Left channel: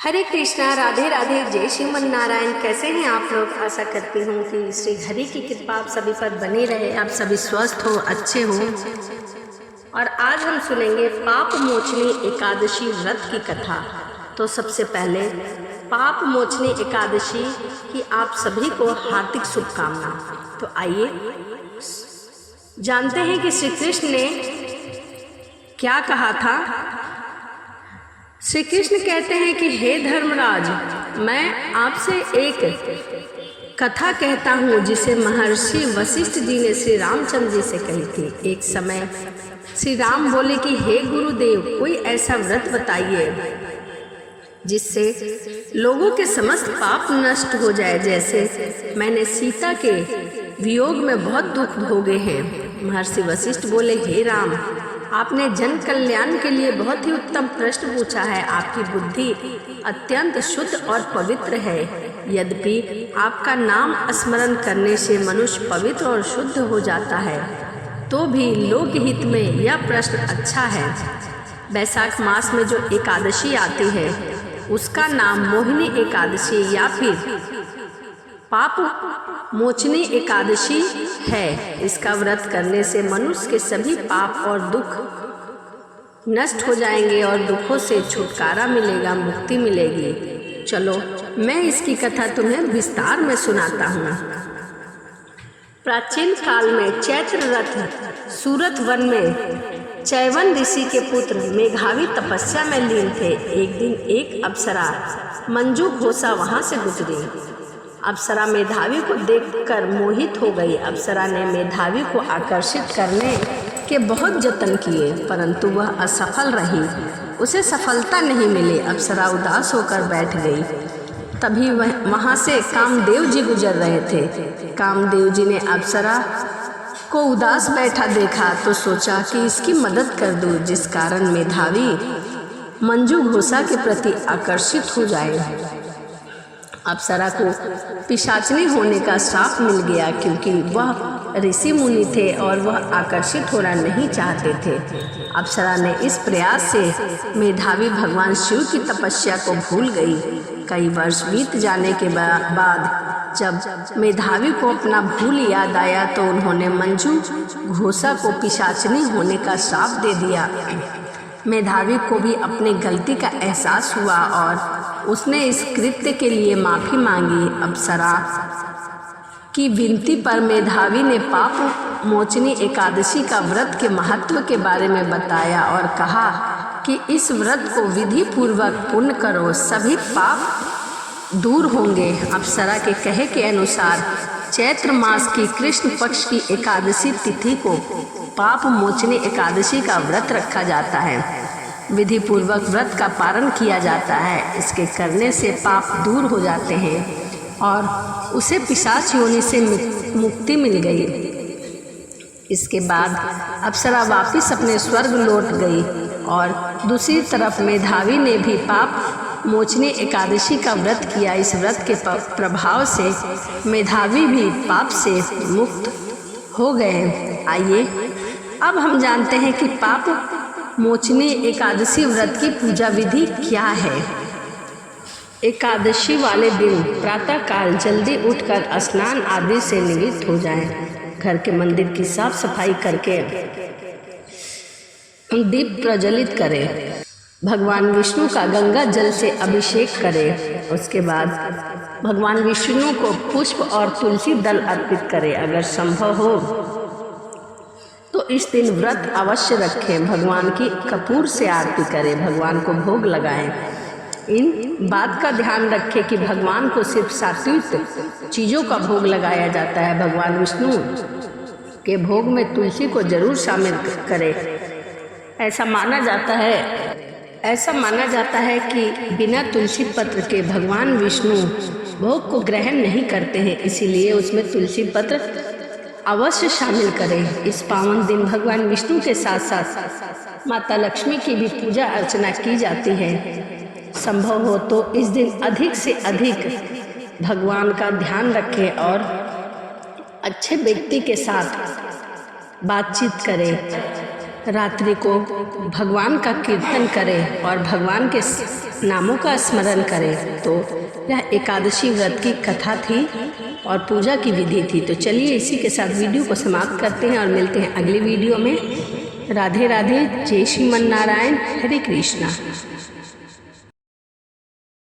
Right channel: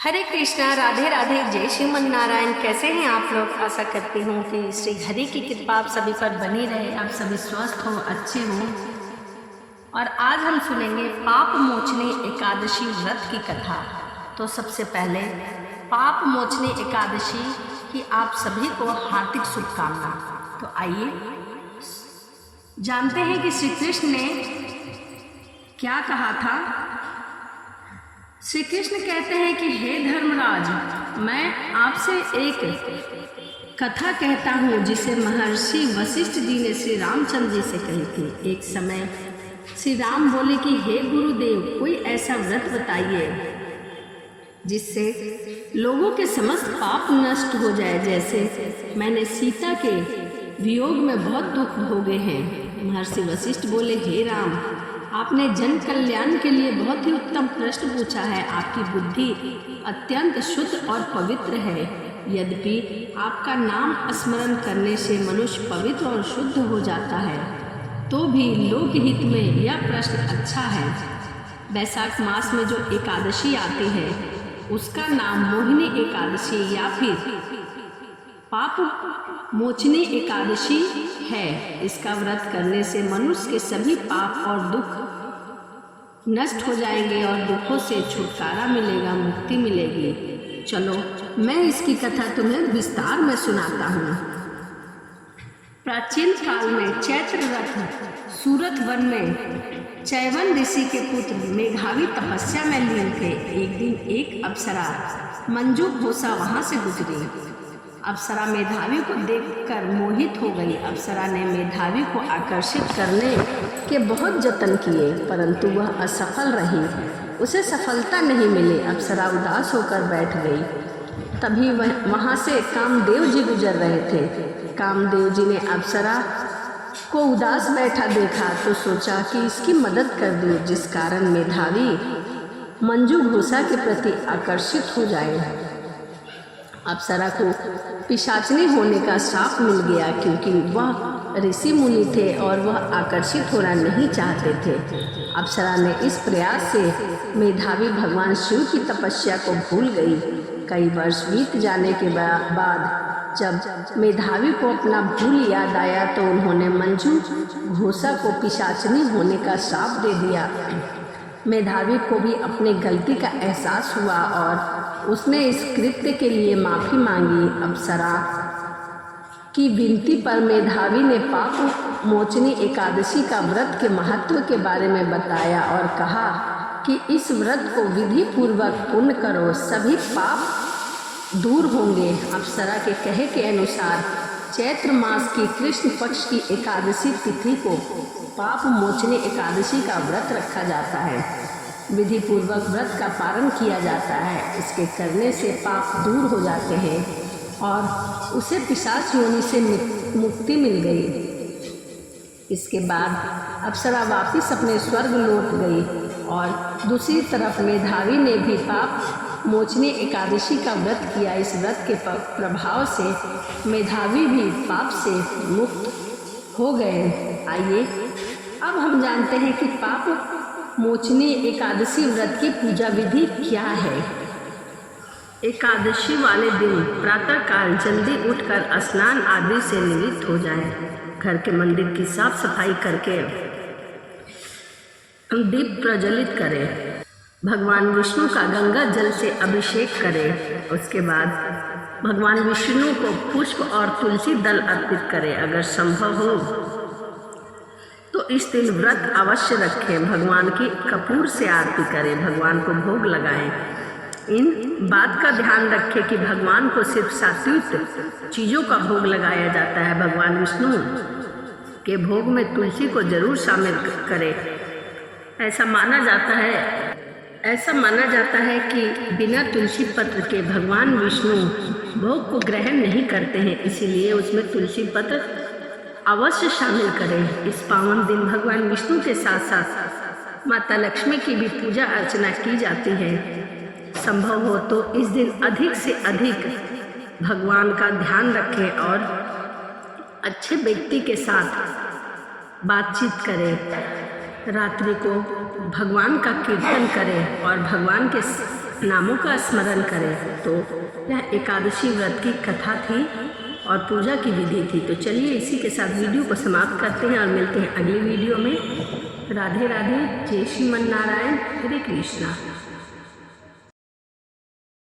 हरे कृष्णा, राधे राधे, जय श्रीमन नारायण। कैसे हैं आप लोग? आशा करती हूँ कि श्री हरि की कृपा आप सभी पर बनी रहे, आप सभी स्वस्थ हो, अच्छे हो। और आज हम सुनेंगे पाप मोचनी एकादशी व्रत की कथा। तो सबसे पहले पाप मोचनी एकादशी की आप सभी को हार्दिक शुभकामना। तो आइए जानते हैं कि श्री कृष्ण ने क्या कहा था। श्री कृष्ण कहते हैं कि हे धर्मराज, मैं आपसे एक कथा कहता हूँ जिसे महर्षि वशिष्ठ जी ने श्री रामचंद्र जी से कही थी। एक समय श्री राम बोले कि हे गुरुदेव, कोई ऐसा व्रत बताइए जिससे लोगों के समस्त पाप नष्ट हो जाए। जैसे मैंने सीता के वियोग में बहुत दुख भोगे हैं। महर्षि वशिष्ठ बोले, हे राम, आपने जन कल्याण के लिए बहुत ही उत्तम प्रश्न पूछा है। आपकी बुद्धि अत्यंत शुद्ध और पवित्र है। यद्यपि आपका नाम स्मरण करने से मनुष्य पवित्र और शुद्ध हो जाता है, तो भी लोकहित में यह प्रश्न अच्छा है। वैशाख मास में जो एकादशी आती है उसका नाम मोहिनी एकादशी या फिर पाप मोचनी एकादशी है। इसका व्रत करने से मनुष्य के सभी पाप और दुख नष्ट हो जाएंगे और दुखों से छुटकारा मिलेगा, मुक्ति मिलेगी। चलो मैं इसकी कथा तुम्हें विस्तार में सुनाता हूँ। प्राचीन काल में चैत्र रथ सूरत वन में चैवन ऋषि के पुत्र मेघावी तपस्या में लीन थे। एक दिन एक अप्सरा मंजू घोषा वहां से गुजरी। अप्सरा मेधावी को देखकर मोहित हो गई। अप्सरा ने मेधावी को आकर्षित करने के बहुत जतन किए, परंतु वह असफल रही। उसे सफलता नहीं मिली। अप्सरा उदास होकर बैठ गई। तभी वहां से कामदेव जी गुजर रहे थे। कामदेव जी ने अप्सरा को उदास बैठा देखा तो सोचा कि इसकी मदद कर दूं, जिस कारण मेधावी मंजू घोषा के प्रति आकर्षित हो जाए। अप्सरा को पिशाचनी होने का श्राप मिल गया, क्योंकि वह ऋषि मुनि थे और वह आकर्षित होना नहीं चाहते थे। अप्सरा ने इस प्रयास से मेधावी भगवान शिव की तपस्या को भूल गई। कई वर्ष बीत जाने के बाद जब मेधावी को अपना भूल याद आया तो उन्होंने मंजू घोषा को पिशाचनी होने का श्राप दे दिया। मेधावी को भी अपनी गलती का एहसास हुआ और उसने इस कृत्य के लिए माफ़ी मांगी। अप्सरा की विनती पर मेधावी ने पाप मोचनी एकादशी का व्रत के महत्व के बारे में बताया और कहा कि इस व्रत को विधि पूर्वक पूर्ण करो, सभी पाप दूर होंगे। अप्सरा के कहे के अनुसार चैत्र मास की कृष्ण पक्ष की एकादशी तिथि को पाप मोचनी एकादशी का व्रत रखा जाता है। विधि पूर्वक व्रत का पालन किया जाता है। इसके करने से पाप दूर हो जाते हैं और उसे पिशाच योनि से मुक्ति मिल गई। इसके बाद अप्सरा वापिस अपने स्वर्ग लौट गई और दूसरी तरफ मेधावी ने भी पाप मोचनी एकादशी का व्रत किया। इस व्रत के प्रभाव से मेधावी भी पाप से मुक्त हो गए। आइए अब हम जानते हैं कि पाप मोचनी एकादशी व्रत की पूजा विधि क्या है। एकादशी वाले दिन प्रातःकाल जल्दी उठकर स्नान आदि से निवृत्त हो जाएं। घर के मंदिर की साफ सफाई करके दीप प्रज्वलित करें। भगवान विष्णु का गंगा जल से अभिषेक करें। उसके बाद भगवान विष्णु को पुष्प और तुलसी दल अर्पित करें। अगर संभव हो तो इस दिन व्रत अवश्य रखें। भगवान की कपूर से आरती करें, भगवान को भोग लगाएं। इन बात का ध्यान रखें कि भगवान को सिर्फ सात्विक चीज़ों का भोग लगाया जाता है। भगवान विष्णु के भोग में तुलसी को जरूर शामिल करें। ऐसा माना जाता है कि बिना तुलसी पत्र के भगवान विष्णु भोग को ग्रहण नहीं करते हैं, इसीलिए उसमें तुलसी पत्र अवश्य शामिल करें। इस पावन दिन भगवान विष्णु के साथ साथ माता लक्ष्मी की भी पूजा अर्चना की जाती है। संभव हो तो इस दिन अधिक से अधिक भगवान का ध्यान रखें और अच्छे व्यक्ति के साथ बातचीत करें। रात्रि को भगवान का कीर्तन करें और भगवान के नामों का स्मरण करें। तो यह एकादशी व्रत की कथा थी और पूजा की विधि थी। तो चलिए इसी के साथ वीडियो को समाप्त करते हैं और मिलते हैं अगली वीडियो में। राधे राधे, जय श्रीमन नारायण, हरे कृष्णा।